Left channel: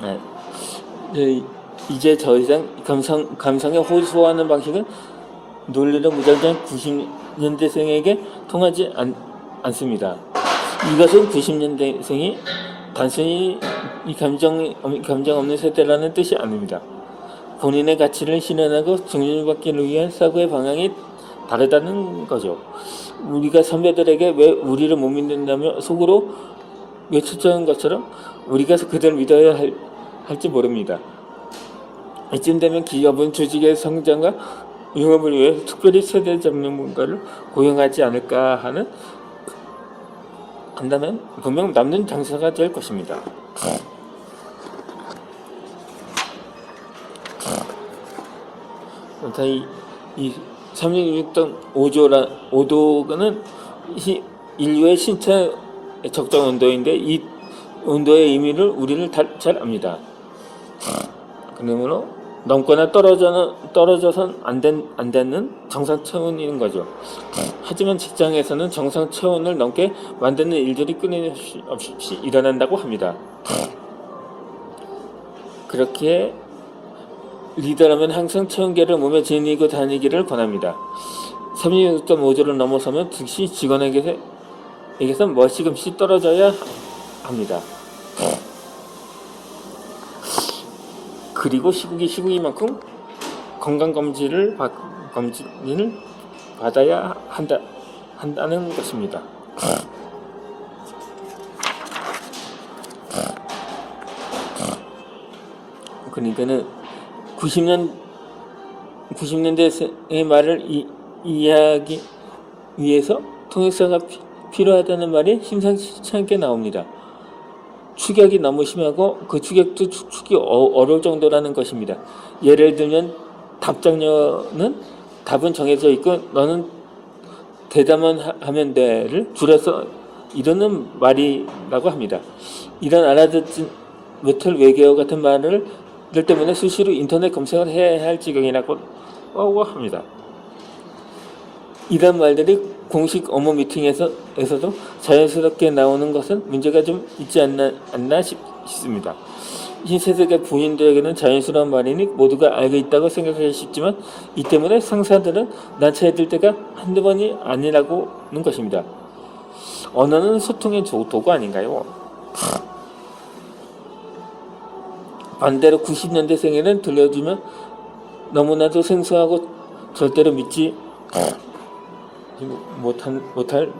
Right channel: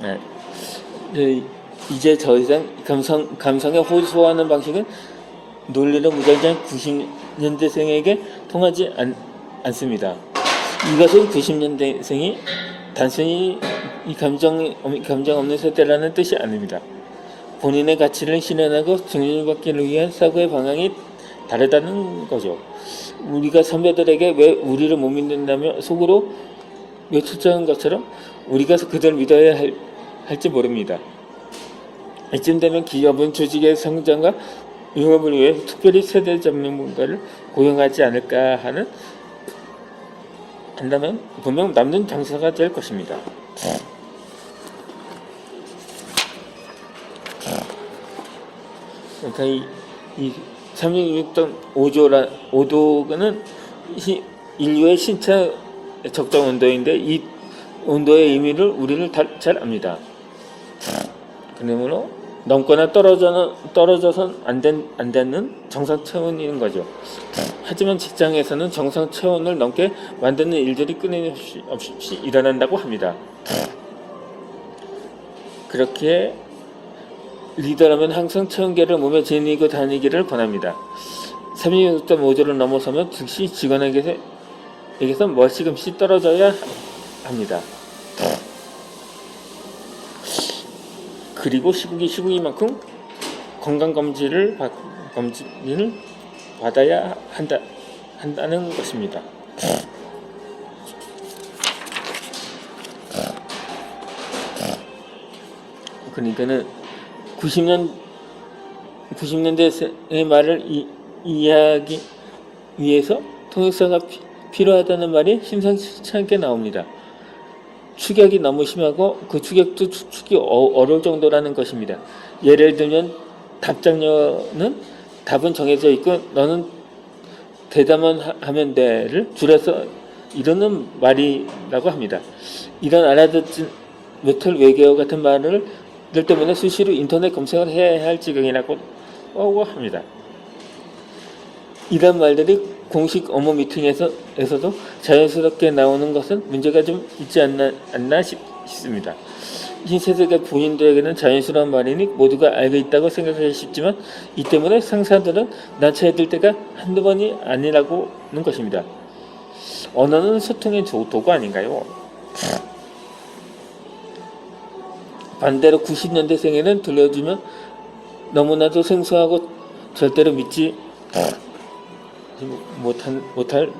네. 이제 더 이상 감성에 호소하는 방식은 논리로 무장한 90년대생에게 통하지 않습니다. 이것은 90년대생이 단순히 이 감정 없는 세대라는 뜻이 아닙니다. 본인의 가치를 실현하고 증명받기를 위한 사고의 방향이 다르다는 거죠. 우리가 선배들에게 왜 우리를 못 믿는다며 속으로 외쳤던 것처럼 우리가 그들을 믿어야 할지 모릅니다. 이쯤 되면 기업은 조직의 성장과 융합을 위해 특별히 세대 전문가를 고용하지 않을까 한다면 분명 남는 장사가 될 것입니다. 그러니까 이 36던 5도는 인류의 신체 적정 온도인데 이 온도의 의미를 우리는 잘 압니다. 그러므로 넘거나 떨어져선 안 되는 정상 체온인 거죠. 하지만 직장에서는 정상 체온을 넘게 만드는 일들이 끊임없이 일어난다고 합니다. 그렇게 리더라면 항상 체온계를 몸에 지니고 다니기를 권합니다. 36.5도를 넘어서면 즉시 직원에게서 멀시금씩 떨어져야 합니다. 그리고 시국이만큼 건강검진을 받아야 한다는 것입니다. 그러니까는 90년대의 말을 이해하기 위해서 통역사가 필요하다는 말이 심상치 않게 나옵니다. 추격이 너무 심하고 그 추격도 추측이 어려울 정도라는 것입니다. 예를 들면 답장료는 답은 정해져 있고 너는 대답만 하면 돼를 줄여서 이러는 말이라고 합니다. 이런 알아듣지 못할 외계어 같은 말을 때문에 수시로 인터넷 검색을 해야 할 지경이라고 합니다. 이런 말들이 공식 업무 미팅에서도 자연스럽게 나오는 것은 문제가 좀 있지 않나 싶습니다. 신세대가 부인들에게는 자연스러운 말이니 모두가 알고 있다고 생각하기 쉽지만 이 때문에 상사들은 난처해질 때가 한두 번이 아니라고는 것입니다. 언어는 소통의 도구 아닌가요? 반대로 90년대생에는 들려주면 너무나도 생소하고 절대로 믿지 못할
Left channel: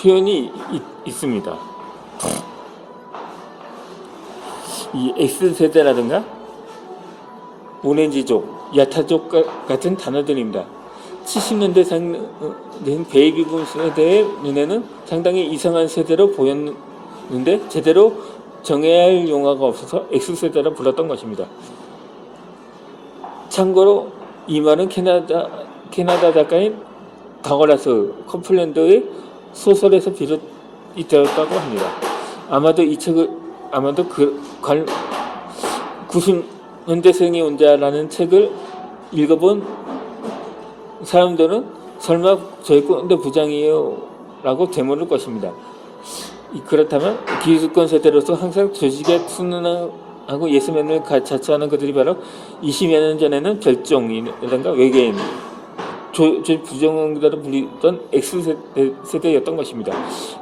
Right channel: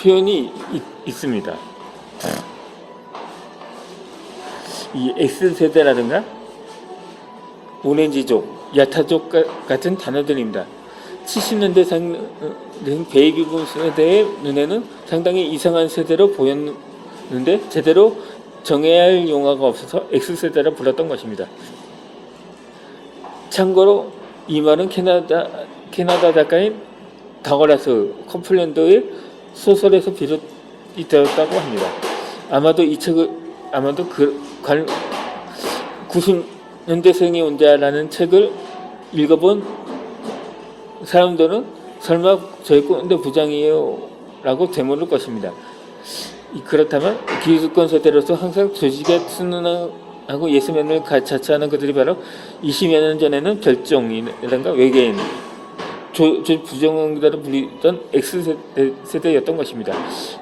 표현이 있습니다. 이 X세대라든가 오렌지족, 야타족 같은 단어들입니다. 70년대 베이비붐 세대의 눈에는 상당히 이상한 세대로 보였는데 제대로 정해야 할 용어가 없어서 X세대라 불렀던 것입니다. 참고로 이 말은 캐나다 작가인 다글라스 커플랜드의 소설에서 비롯이 되었다고 합니다. 아마도 90년대생이 온다라는 책을 읽어본 사람들은 설마 저희 꼰대 부장이에요? 라고 되물을 것입니다. 그렇다면 기득권 세대로서 항상 조직에 순응하고 예스맨을 자처하는 그들이 바로 20여 년 전에는 별종이라든가 외계인, 부정응답으로 불리던 X세대였던 것입니다.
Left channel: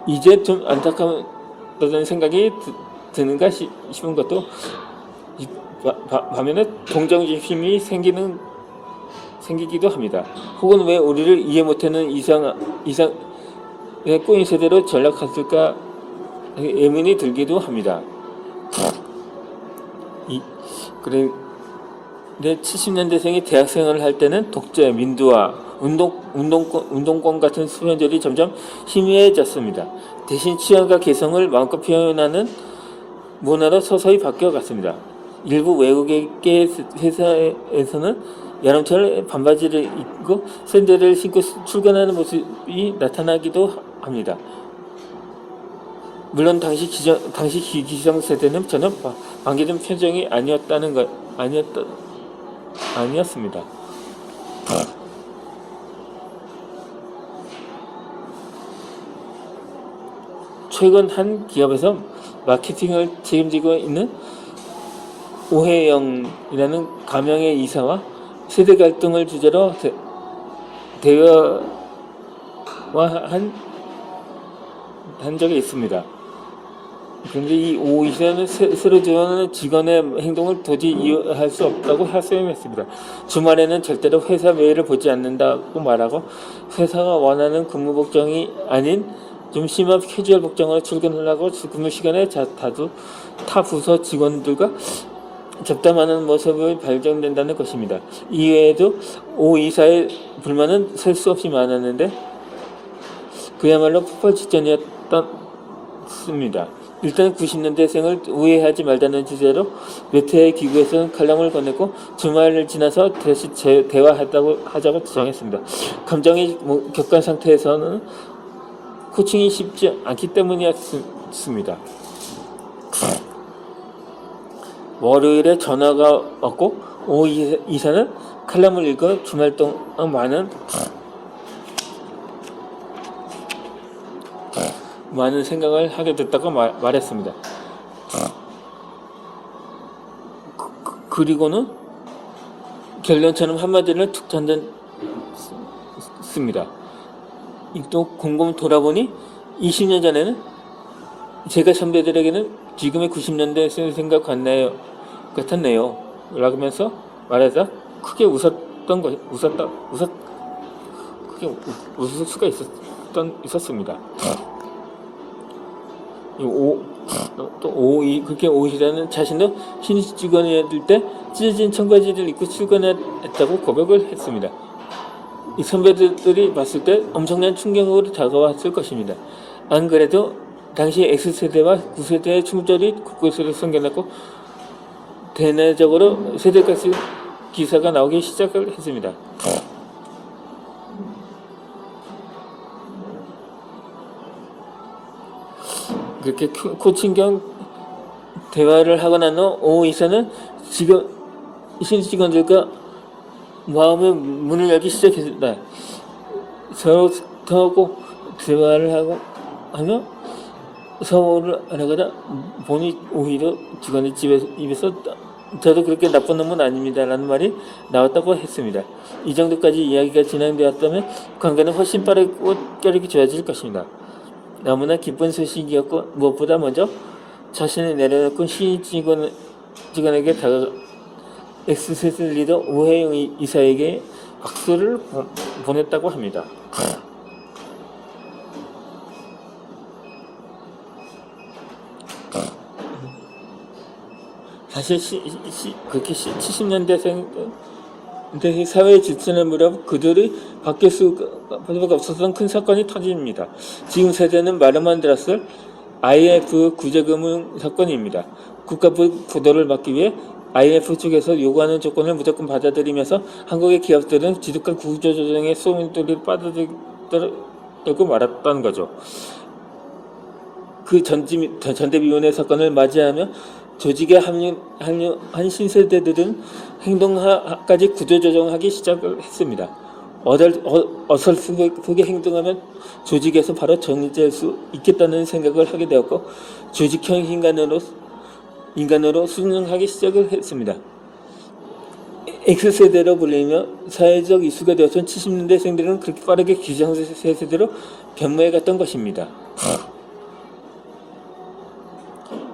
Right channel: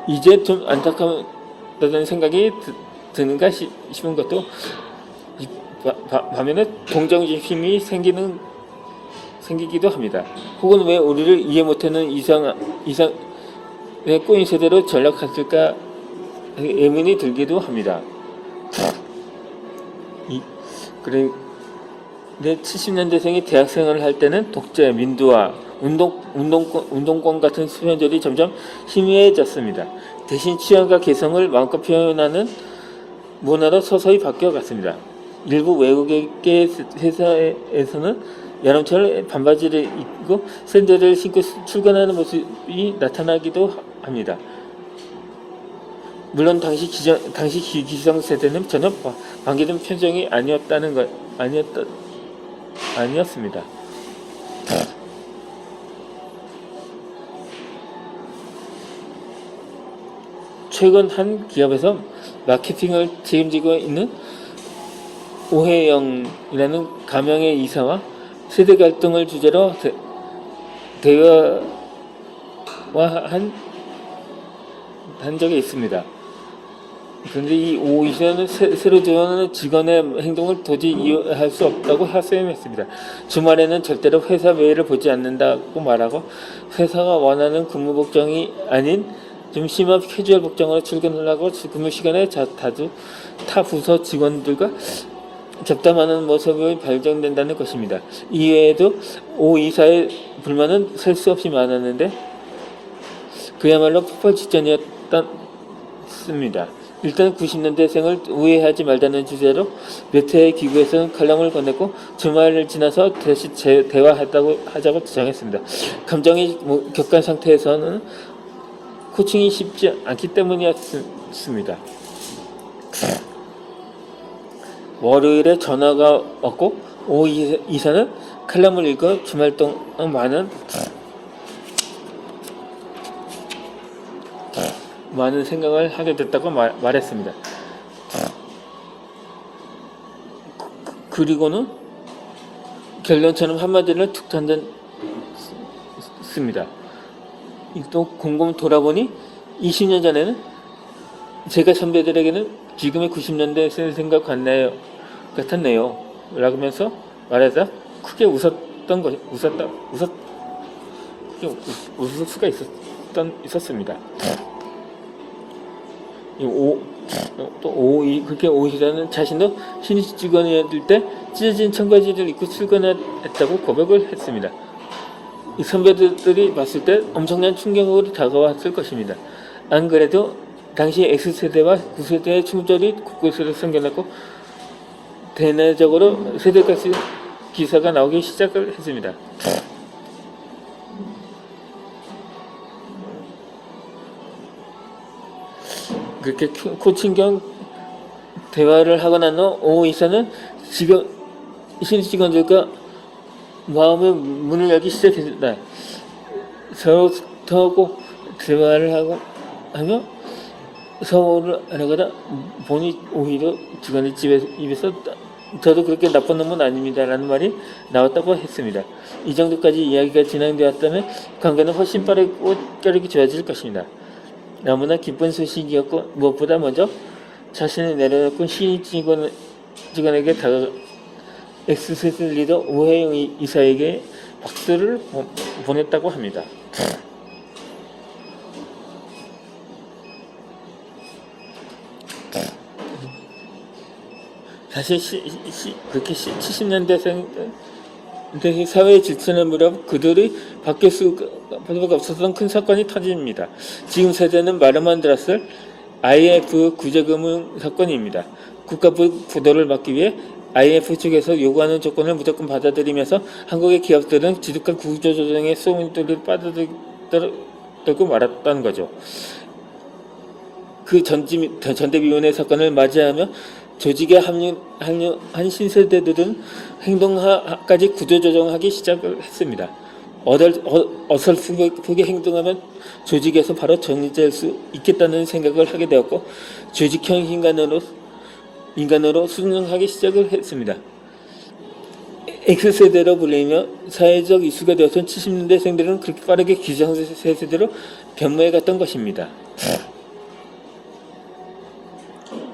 이제 좀 안타깝다는 생각이 드는가 싶은 것도 반면에 동정심 힘이 생기기도 합니다. 혹은 왜 우리를 이해 못하는 이상의 꼬인 세대로 전락했을까 의문이 들기도 합니다. 그런데 70년대생이 대학생활을 할 때는 독재, 민주화, 운동권 같은 수면들이 점점 희미해졌습니다. 대신 취향과 개성을 마음껏 표현하는 문화로 서서히 바뀌어갔습니다. 일부 외국계 회사에서는 여름철 반바지를 입고 샌들을 신고 출근하는 모습이 나타나기도 합니다. 물론 당시 기성세대는 전혀 반기던 표정이 아니었습니다. 최근 한 기업에서 마케팅을 책임지고 있는 오해영이라는 가명의 이사와 세대 갈등을 주제로 대화한 적이 있습니다. 그런데 이 오 이사는 새로 지원하는 직원의 행동을 도저히 이해할 수 없다고 하소연했습니다. 주말에는 절대로 회사 메일을 보지 않는다고 말하고 회사가 원하는 근무 복장이 아닌 좀 심한 캐주얼 복장으로 출근을 하고 근무 시간에 다수 타 부서 직원들과 잡담하는 모습이 발견된다는 것입니다. 이외에도 오 이사의 불만은 셀 수 없이 많았는데 그야말로 폭발 직전이었습니다. 일단 90년대생을 우회하지 말자는 주제로 몇 회의 기구에서는 칼럼을 보냈고 주말을 지나서 다시 대화하자고 정했습니다. 감정이 격한 상태에서는 코칭이 쉽지 않기 때문이었습니다. 월요일에 전화가 왔고 오 이사는 칼럼을 읽어 주말 동안 많은 생각을 하게 됐다고 말했습니다. 그리고는 결론처럼 한마디를 툭 던졌습니다. 또 곰곰 돌아보니 20년 전에는 제가 선배들에게는 지금의 90년대 생각 같았네요. 라면서 말하자 크게 웃을 수가 있었습니다. 그렇게 오이라는 자신도 신입 직원이었을 때 찢어진 청바지를 입고 출근했다고 고백을 했습니다. 이 선배들이 봤을 때 엄청난 충격으로 다가왔을 것입니다. 안 그래도 당시 X세대와 9세대의 충돌이 곳곳으로 생겨났고 대내적으로 세대가스 기사가 나오기 시작을 했습니다. 그렇게 코칭경 대화를 하고 난 후 오 이사는 신입 직원들과 마음의 문을 열기 시작했습니다. 서로 더하고 대화를 하며 서울을 하려다 보니 오히려 직원의 입에서 저도 그렇게 나쁜 놈은 아닙니다라는 말이 나왔다고 했습니다. 이 정도까지 이야기가 진행되었다면 관계는 훨씬 빠르게 좋아질 것입니다. 너무나 기쁜 소식이었고 무엇보다 먼저 자신을 내려놓고 신입 직원에게 X세대 리더 오해영 이사에게 박수를 보냈다고 합니다. 사실 그렇게 70년대생 사회의 질서를 무렵 그들이 바뀔 수가 없었던 큰 사건이 터집니다. 지금 세대는 말로만 들었을 IMF 구제금융 사건입니다. 국가부 부도를 막기 위해 IMF 측에서 요구하는 조건을 무조건 받아들이면서 한국의 기업들은 지독한 구조조정의 소문들을 빠져들고 말았다는 거죠. 그 전대미문의 사건을 맞이하며 조직에 합류한 신세대들은 행동까지 구조조정하기 시작을 했습니다. 어설프게 행동하면 조직에서 바로 정리될 수 있겠다는 생각을 하게 되었고 조직형 인간으로 순응하기 시작을 했습니다. X세대로 불리며 사회적 이슈가 되었던 70년대생들은 그렇게 빠르게 기성세대로 변모해갔던 것입니다.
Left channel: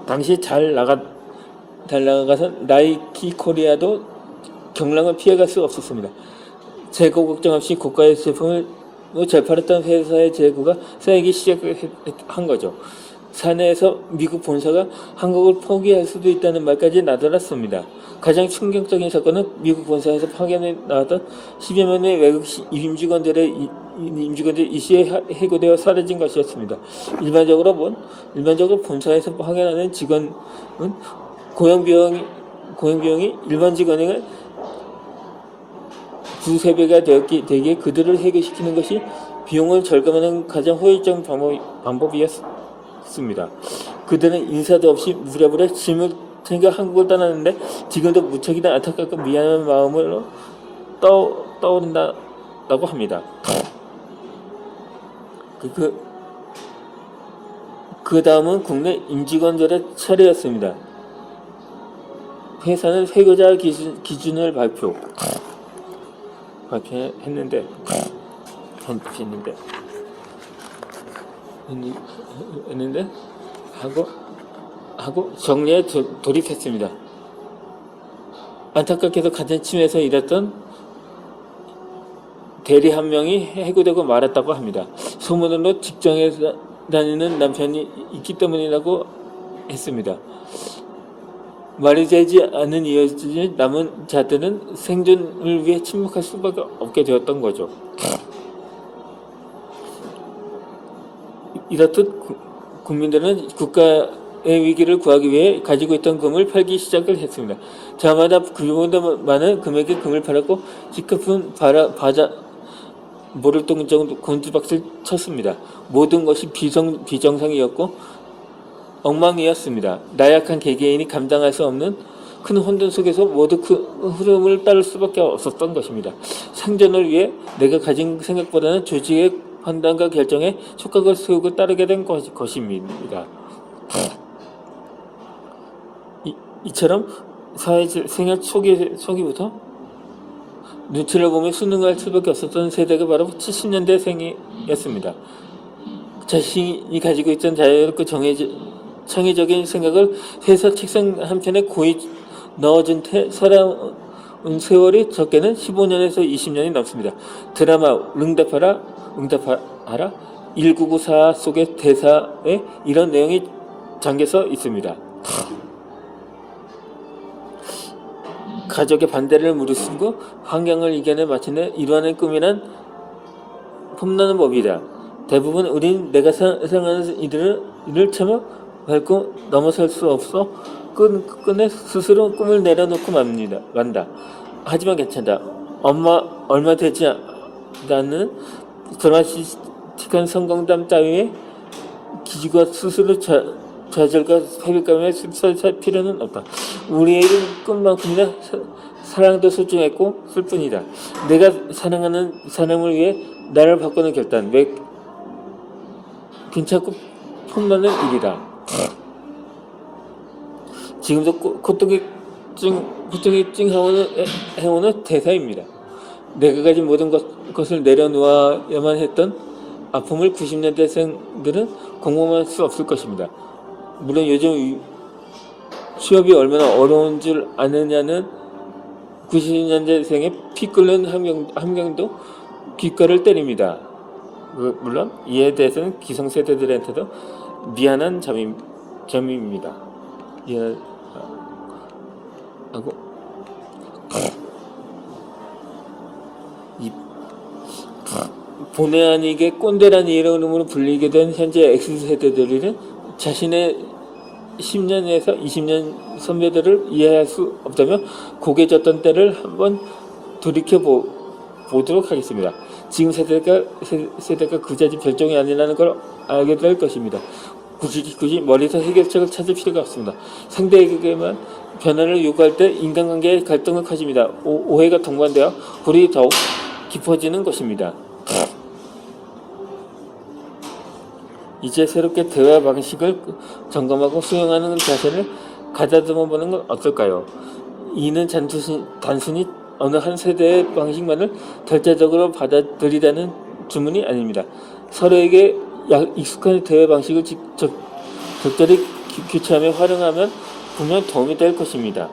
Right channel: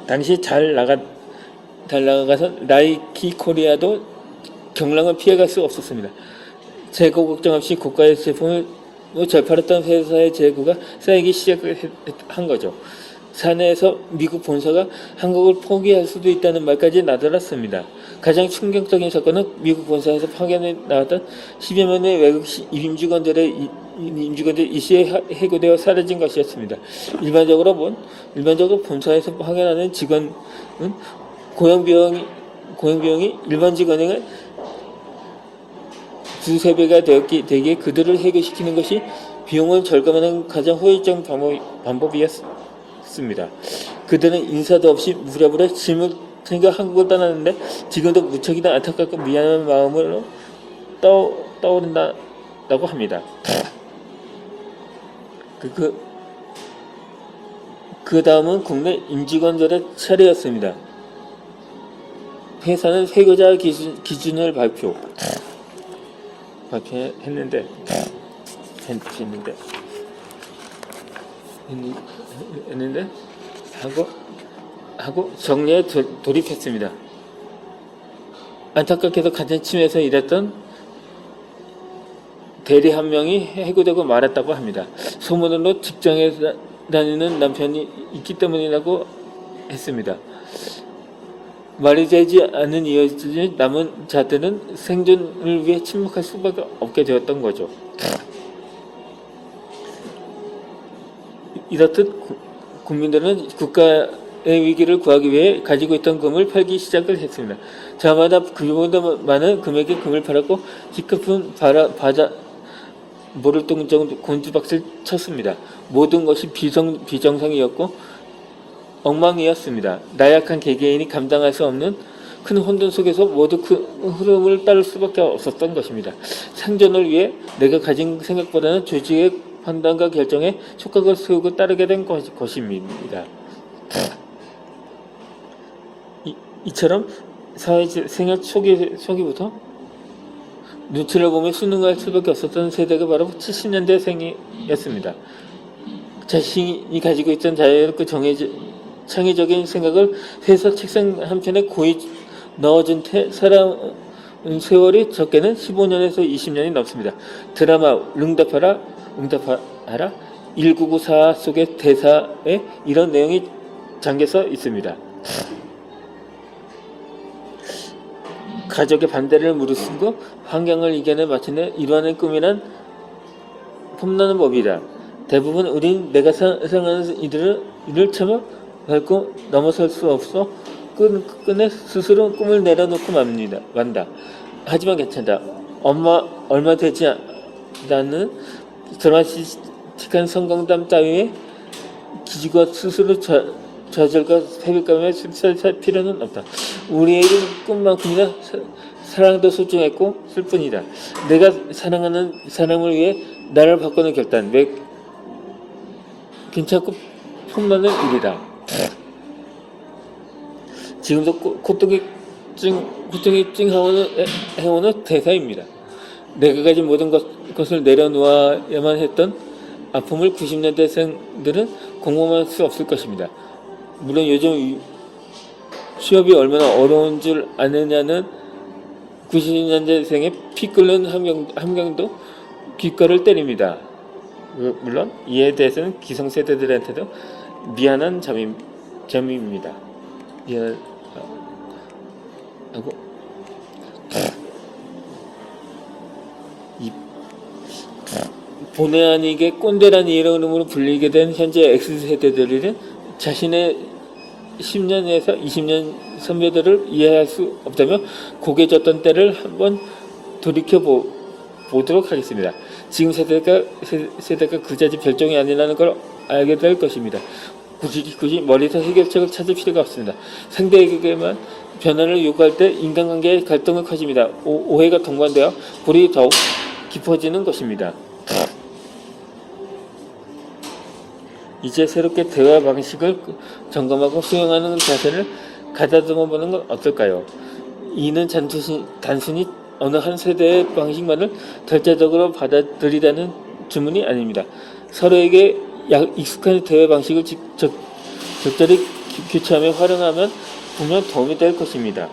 당시 잘 나가서 나이키 코리아도 경랑을 피해갈 수 없었습니다. 재고 걱정 없이 고가의 제품을 잘 팔았던 회사의 재고가 쌓이기 시작한 거죠. 사내에서 미국 본사가 한국을 포기할 수도 있다는 말까지 나돌았습니다. 가장 충격적인 사건은 미국 본사에서 파견에 나왔던 10여 명의 외국 임직원들이 이시에 해고되어 사라진 것이었습니다. 일반적으로 본사에서 파견하는 직원은 고용 비용이 일반 직원의 두세 배가 되기에 그들을 해고시키는 것이 비용을 절감하는 가장 효율적인 방법이었습니다. 했습니다. 그들은 인사도 없이 무렵무렵 짐을 챙겨 한국을 떠났는데 지금도 무척이나 안타깝고 미안한 마음으로 떠오른다고 합니다. 그 다음은 국내 임직원들의 차례였습니다. 회사는 회계자 기준을 발표했는데 하고 정리에 돌입했습니다. 안타깝게도 같은 팀에서 일했던 대리 한 명이 해고되고 말았다고 합니다. 소문으로 직장에 다니는 남편이 있기 때문이라고 했습니다. 말이 되지 않은 이유지 남은 자들은 생존을 위해 침묵할 수밖에 없게 되었던 거죠. 이렇듯 국민들은 국가의 위기를 구하기 위해 가지고 있던 금을 팔기 시작을 했습니다. 저마다 그보다 많은 금액의 금을 팔았고 기껏은 모를 정도 곤두박질 쳤습니다. 모든 것이 비정상이었고 엉망이었습니다. 나약한 개개인이 감당할 수 없는 큰 혼돈 속에서 모두 그 흐름을 따를 수밖에 없었던 것입니다. 생존을 위해 내가 가진 생각보다는 조직의 판단과 결정에 촉각을 세우고 따르게 된 것입니다. 이처럼 사회생활 초기부터 눈치를 보며 순응할 수밖에 없었던 세대가 바로 70년대생이었습니다. 자신이 가지고 있던 자유롭고 창의적인 생각을 회사 책상 한편에 고이 넣어준 살아온 세월이 적게는 15년에서 20년이 넘습니다. 드라마 응답하라 1994 속의 대사에 이런 내용이 잠겨서 있습니다. 가족의 반대를 무릅쓰고 환경을 이겨내 마침내 이루어낸 꿈이란 폼나는 법이다. 대부분 우린 내가 사랑하는 이를 참아 밟고 넘어설 수 없어 끝내 스스로 꿈을 내려놓고 만다. 하지만 괜찮다. 얼마 되지 않는 드라마틱한 성공담 따위에 기지가 스스로 좌절과 회백감에 휩싸일 필요는 없다. 우리에게 꿈만큼이나 사랑도 소중했고 슬픈이다. 내가 사랑하는 사람을 위해 나를 바꾸는 결단, 괜찮고 폼나는 일이다. 지금도 고통이 해오는 대사입니다. 내가 가진 모든 것을 내려놓아야만 했던 아픔을 90년대생들은 공감할 수 없을 것입니다. 물론 요즘 취업이 얼마나 어려운 줄 아느냐는 90년대생의 피 끓는 함경도 귓가를 때립니다. 물론 이에 대해서는 기성세대들한테도 미안한 점입니다. 하고 본의 아니게 꼰대라는 이름으로 불리게 된 현재 X세대들은 자신의 10년에서 20년 선배들을 이해할 수 없다며 고개 졌던 때를 한번 돌이켜보도록 하겠습니다. 지금 세대가 그자지 별종이 아니라는 걸 알게 될 것입니다. 굳이 멀리서 해결책을 찾을 필요가 없습니다. 상대에게만 변화를 요구할 때 인간관계의 갈등은 커집니다. 오해가 동반되어 불이 더욱 깊어지는 것입니다. 이제 새롭게 대화 방식을 점검하고 수용하는 자세를 가다듬어 보는 건 어떨까요? 이는 단순히 어느 한 세대의 방식만을 절대적으로 받아들이다는 주문이 아닙니다. 서로에게 익숙한 대화 방식을 적절히 교체하며 활용하면 분명 도움이 될 것입니다.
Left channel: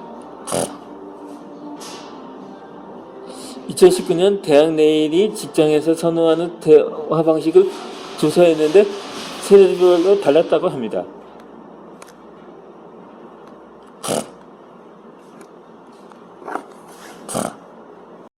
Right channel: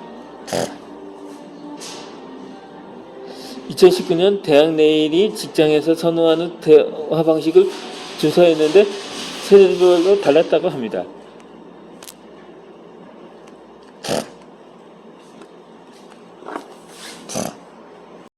2019년 대학 내일이 직장에서 선호하는 대화 방식을 조사했는데 세대별로 달랐다고 합니다.